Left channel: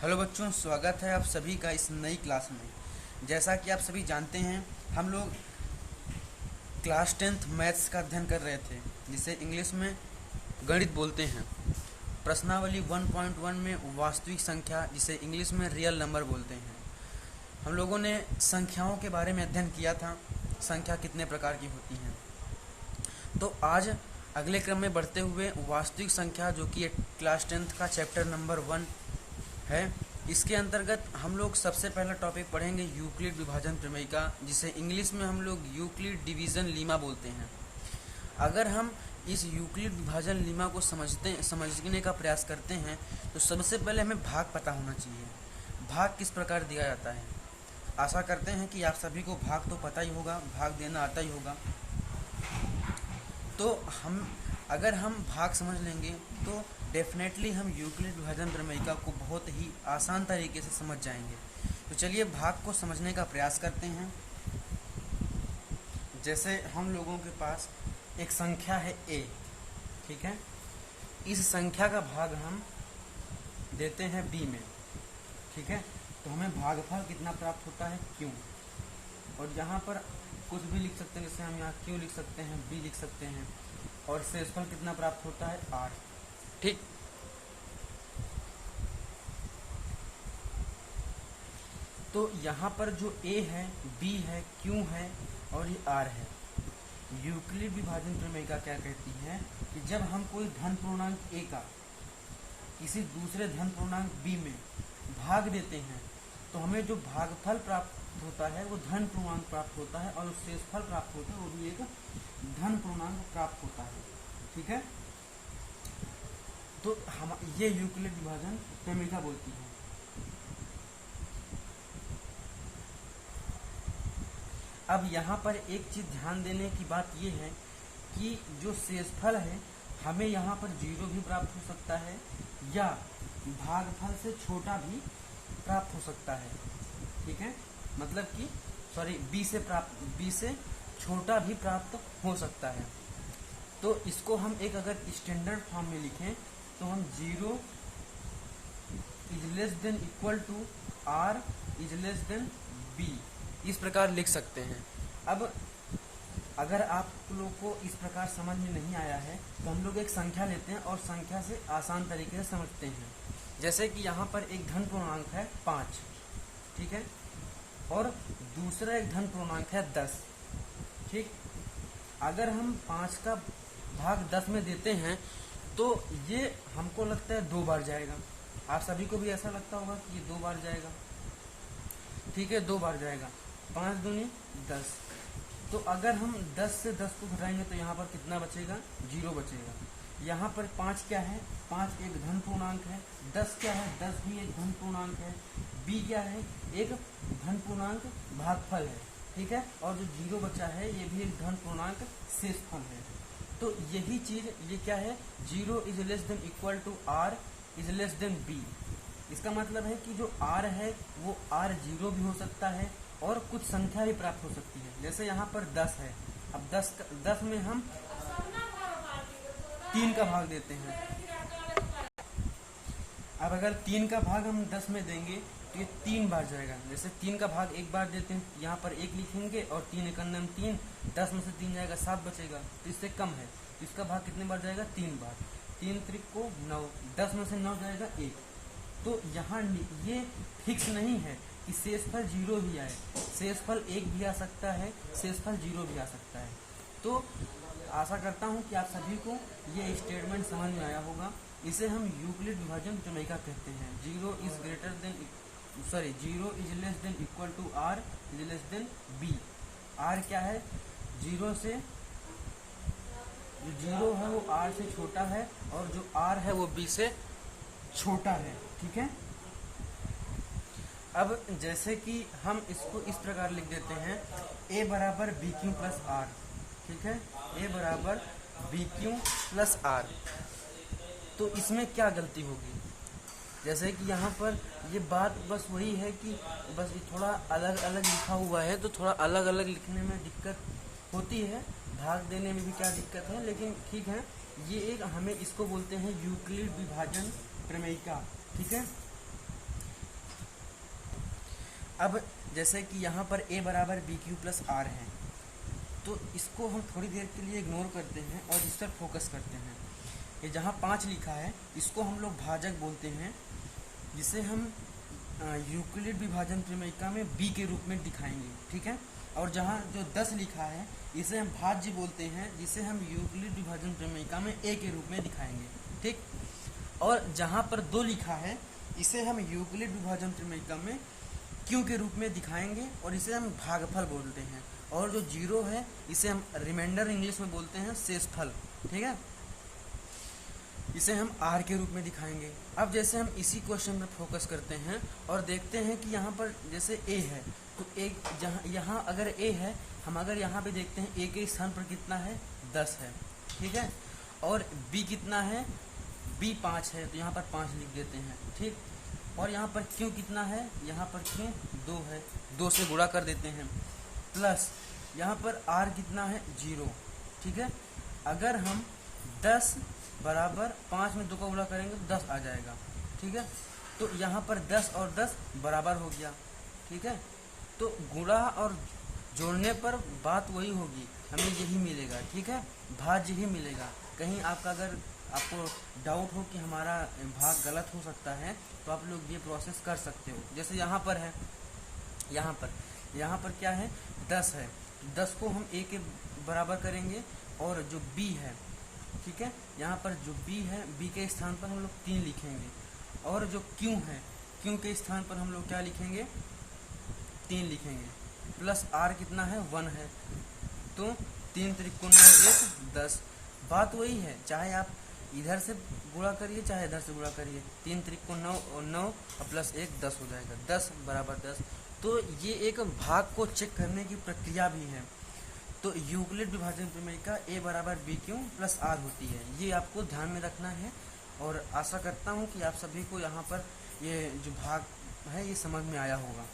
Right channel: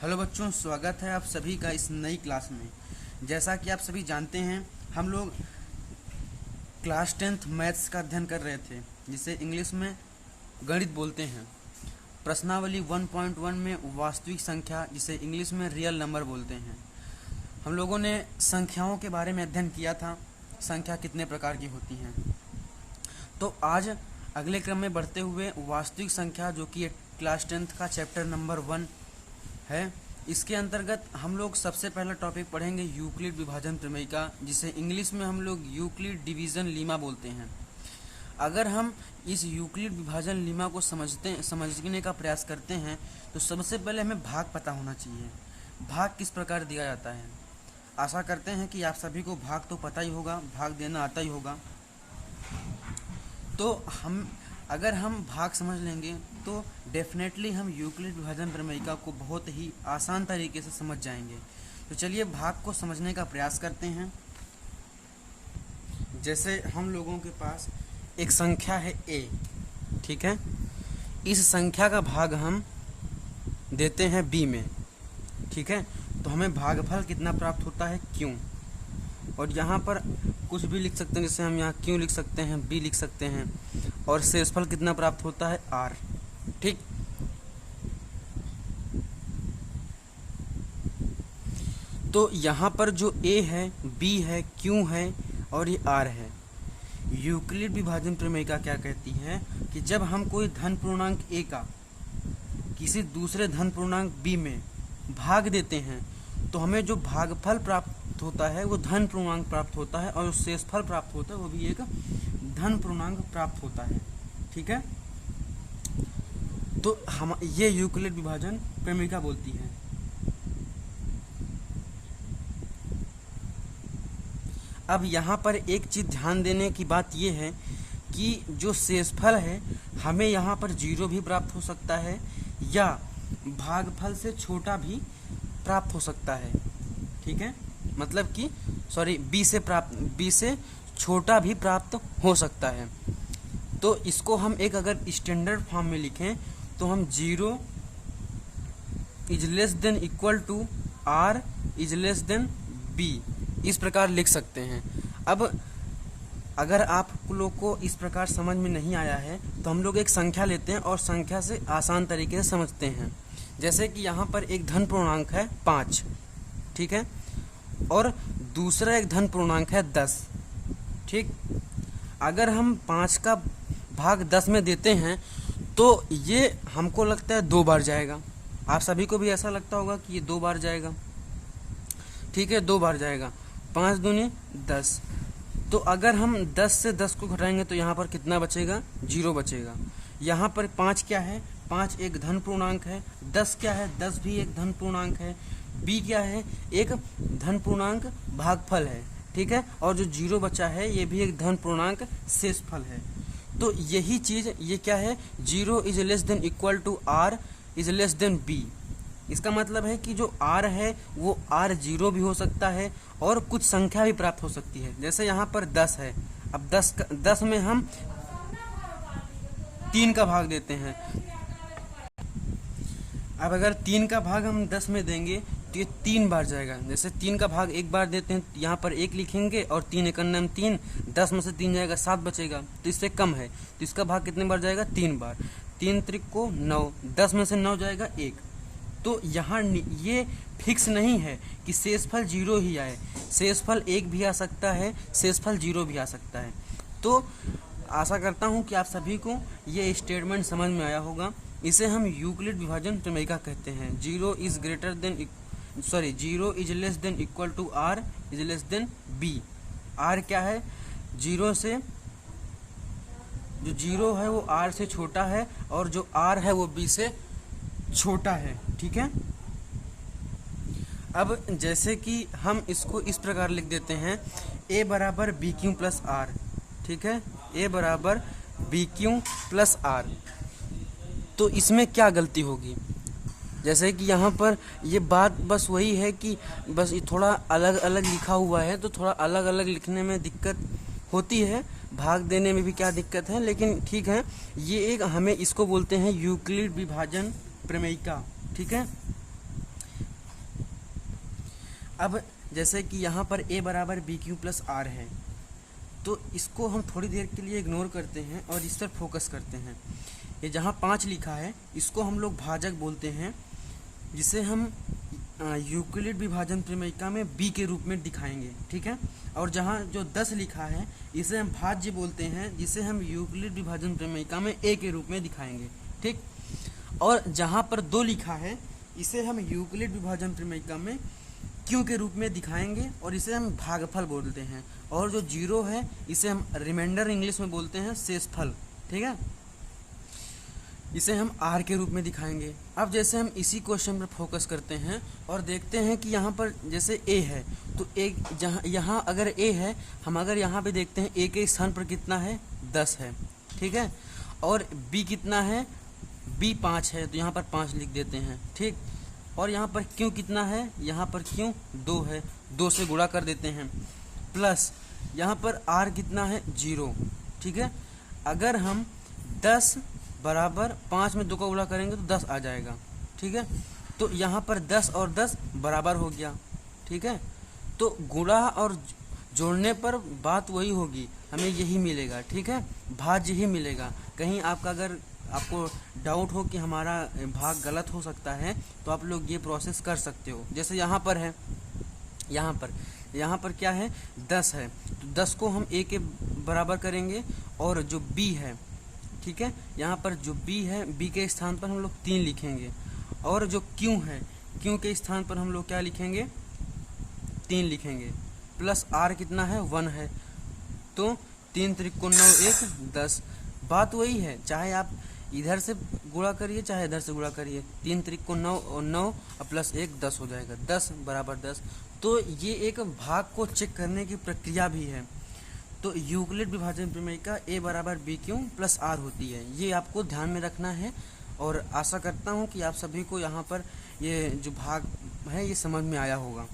Hello बच्चों, स्वागत है आप सभी का इस नई क्लास में। जैसा कि आप सभी जानते हैं, हम लोग क्लास 10th मैथ्स का अध्ययन कर रहे थे, जिसे इंग्लिश में गणित बोलते हैं। प्रश्नावली 1.1 में वास्तविक संख्या, जिसे इंग्लिश में रियल नंबर बोलते हैं। हम लोगों ने संख्याओं के बारे में अध्ययन किया था, संख्या कितने प्रकार की होती हैं। तो आज अगले क्रम में बढ़ते हुए वास्तविक संख्या, जो कि क्लास 10th का चैप्टर नंबर 1 है, इसके अंतर्गत हम लोग सबसे पहला टॉपिक पढ़ेंगे यूक्लिड विभाजन प्रमेयिका, जिसे इंग्लिश में हम लोग यूक्लिड डिवीजन लीमा बोलते हैं। अगर हम इस यूक्लिड विभाजन लीमा को समझने का प्रयास करते हैं तो सबसे पहले हमें भाग पता होना चाहिए। भाग किस प्रकार दिया जाता है। आशा करते हैं कि आप सभी को भाग तो पता ही होगा, भाग देना आता ही होगा। तो अगर हम भाग समझ लेंगे तो डेफिनेटली हम यूक्लिड विभाजन प्रमेयिका को बहुत ही आसान तरीके से समझ जाएंगे। तो चलिए भाग को समझने का प्रयास करते हैं। जैसे हम लोगों के पास एक संख्या है a, ठीक है। इस संख्या का भाग हम देते हैं b में, ठीक है। तो हमें भागफल कितना प्राप्त होता है, q। और यहाँ पर कुछ भी लिख सकते हैं, जैसे हम यहाँ q लिख सकते हैं, b लिख सकते हैं। और शेषफल कितना प्राप्त होता है, r, ठीक। तो यहाँ पर जो a है, b है, q है और ये r है। यूक्लिड विभाजन प्रमेयिका क्या कहती है कि जब हम कोई धन पूर्णांक a का किसी दूसरे धन पूर्णांक b में भाग देते हैं तो हमें जो भागफल प्राप्त होता है वो धन पूर्णांक प्राप्त होता है, और जो शेषफल प्राप्त होता है वो भी एक धन पूर्णांक प्राप्त होता है, ठीक है। तो हम ये यूक्लिड विभाजन प्रमेयिका बोलती है। अब यहाँ पर एक चीज ध्यान देने की बात यह है कि जो शेषफल है हमें यहाँ पर 0 भी प्राप्त हो सकता है या भागफल से छोटा भी प्राप्त हो सकता है, ठीक है। मतलब कि b से छोटा भी प्राप्त हो सकता है। तो इसको हम एक अगर स्टैंडर्ड फॉर्म में लिखें तो हम 0 is less than equal to r is less than b, इस प्रकार लिख सकते हैं। अब अगर आप लोग को इस प्रकार समझ में नहीं आया है तो हम लोग एक संख्या लेते हैं और संख्या से आसान तरीके से समझते हैं। जैसे कि यहाँ पर एक धन पूर्णांक है 5, ठीक है, और दूसरा एक धन पूर्णांक है 10, ठीक। अगर हम 5 का भाग 10 में देते हैं तो ये हमको लगता है 2 बार जाएगा। आप सभी को भी ऐसा लगता होगा कि ये 2 बार जाएगा, ठीक है, 2 बार जाएगा। 5 दूनी 10। तो अगर हम 10 से 10 को घटाएंगे तो यहाँ पर कितना बचेगा, 0 बचेगा। यहाँ पर 5 क्या है, 5 एक धन पूर्णांक है। 10 क्या है, 10 भी एक धन पूर्णांक है। b क्या है, एक धन पूर्णांक भागफल है, ठीक है। और जो 0 बचा है ये भी एक धन पूर्णांक शेषफल है। तो यही चीज ये क्या है, 0 is less than equal to r is less than b। इसका मतलब है कि जो r है वो r 0 भी हो सकता है और कुछ संख्या भी प्राप्त हो सकती है। जैसे यहाँ पर 10 है, अब 10 में हम 3 का भाग देते हैं। अब अगर 3 का भाग हम 10 में देंगे तो ये 3 बार जाएगा। जैसे 3 का भाग 1 बार देते हैं, यहाँ पर 1 लिखेंगे और 3 एकम 3, 10 में से 3 जाएगा 7 बचेगा, तो इससे कम है तो इसका भाग कितने बार जाएगा, 3 बार। 3 त्रिक को 9, 10 में से 9 जाएगा 1। तो यहाँ ये फिक्स नहीं है कि शेषफल 0 ही आए, शेषफल 1 भी आ सकता है, शेषफल 0 भी आ सकता है। तो आशा करता हूँ कि आप सभी को ये स्टेटमेंट समझ में आया होगा। इसे हम यूक्लिड विभाजन प्रमेयिका कहते हैं। 0 is less than equal to r is less than b। r क्या है, 0 से जो 0 है वो r से छोटा है और जो r है वो b से छोटा है, ठीक है। अब जैसे कि हम इसको इस प्रकार लिख देते हैं, a बराबर बी क्यू प्लस r, ठीक है, a बराबर बी क्यू प्लस r। तो इसमें क्या गलती होगी, जैसे कि यहाँ पर ये बात बस वही है कि बस ये थोड़ा अलग अलग लिखा हुआ है, तो थोड़ा अलग अलग लिखने में दिक्कत होती है, भाग देने में भी क्या दिक्कत है, लेकिन ठीक है। ये एक हमें इसको बोलते हैं यूक्लिड विभाजन प्रमेयिका, ठीक है। अब जैसे कि यहाँ पर a बराबर बी क्यू प्लस आर है, तो इसको हम थोड़ी देर के लिए इग्नोर करते हैं और इस पर फोकस करते हैं। ये जहाँ 5 लिखा है इसको हम लोग भाजक बोलते हैं, जिसे हम यूक्लिड विभाजन प्रमेयिका में b के रूप में दिखाएंगे, ठीक है। और जहाँ जो 10 लिखा है इसे हम भाज्य बोलते हैं, जिसे हम यूक्लिड विभाजन प्रमेयिका में a के रूप में दिखाएंगे, ठीक। और जहाँ पर 2 लिखा है इसे हम यूक्लिड विभाजन प्रमेयिका में q के रूप में दिखाएंगे और इसे हम भागफल बोलते हैं। और जो 0 है इसे हम रिमाइंडर इंग्लिश में बोलते हैं शेषफल, ठीक है। इसे हम r के रूप में दिखाएंगे। अब जैसे हम इसी क्वेश्चन पर फोकस करते हैं और देखते हैं कि यहाँ पर जैसे a है, तो एक जहाँ यहाँ अगर a है, हम अगर यहाँ पे देखते हैं a के स्थान पर कितना है 10 है, ठीक है। और b कितना है, b 5 है, तो यहाँ पर 5 लिख देते हैं, ठीक। और यहाँ पर q कितना है, यहाँ पर q 2 है, 2 से गुणा कर देते हैं, प्लस यहाँ पर r कितना है 0, ठीक है। अगर हम 10 बराबर 5 में 2 का गुणा करेंगे तो 10 आ जाएगा, ठीक है। तो यहाँ पर 10 और 10 बराबर हो गया, ठीक है। तो गुणा और जोड़ने पर बात वही होगी, हमें यही मिलेगा, ठीक है, भाज्य ही मिलेगा। कहीं आपका अगर आपको डाउट हो कि हमारा भाग गलत हो सकता है तो आप लोग ये प्रोसेस कर सकते हो। जैसे यहाँ पर है, यहाँ पर क्या है 10 है, तो 10 को हम a के बराबर करेंगे और जो b है, ठीक है, यहाँ पर जो b है b के स्थान पर हम लोग 3 लिखेंगे और जो q है q के स्थान पर हम लोग क्या लिखेंगे 3 लिखेंगे, प्लस r कितना है 1 है, तो 3 त्रिक को 9 1 10। बात वही है, चाहे आप इधर से गुणा करिए चाहे इधर से गुणा करिए, 3 त्रिक को 9 और 9 और प्लस 1 10 हो जाएगा, 10 बराबर 10। तो ये एक भाग को चेक करने की प्रक्रिया भी है। तो यूक्लिड विभाजन प्रमेयिका a बराबर बी क्यू प्लस आर होती है, ये आपको ध्यान में रखना है। और आशा करता हूँ कि आप सभी को यहाँ पर ये जो भाग है ये समझ में आया होगा।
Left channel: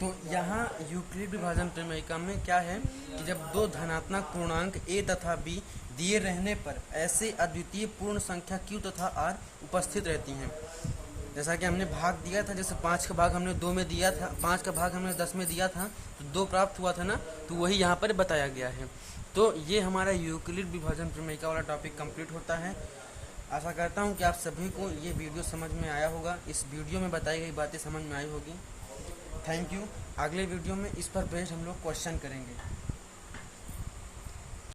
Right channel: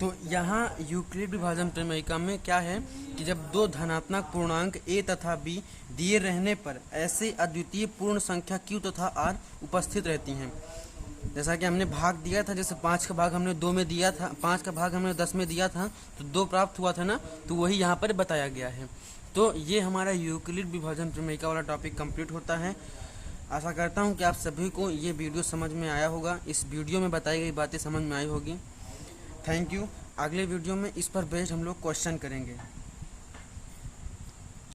तो यहाँ यूक्लिड विभाजन प्रमेयिका में क्या है कि जब 2 धनात्मक पूर्णांक a तथा b दिए रहने पर ऐसे अद्वितीय पूर्ण संख्या q तथा r उपस्थित रहती हैं। जैसा कि हमने भाग दिया था, जैसे 5 का भाग हमने 2 में दिया था, 5 का भाग हमने 10 में दिया था, तो 2 प्राप्त हुआ था ना, तो वही यहाँ पर बताया गया है। तो ये हमारा यूक्लिड विभाजन प्रमेयिका वाला टॉपिक कंप्लीट होता है। आशा करता हूँ कि आप सभी को ये वीडियो समझ में आया होगा, इस वीडियो में बताई गई बातें समझ में आई होगी। Thank you. अगले वीडियो में इस पर बेस्ड हम लोग क्वेश्चन करेंगे।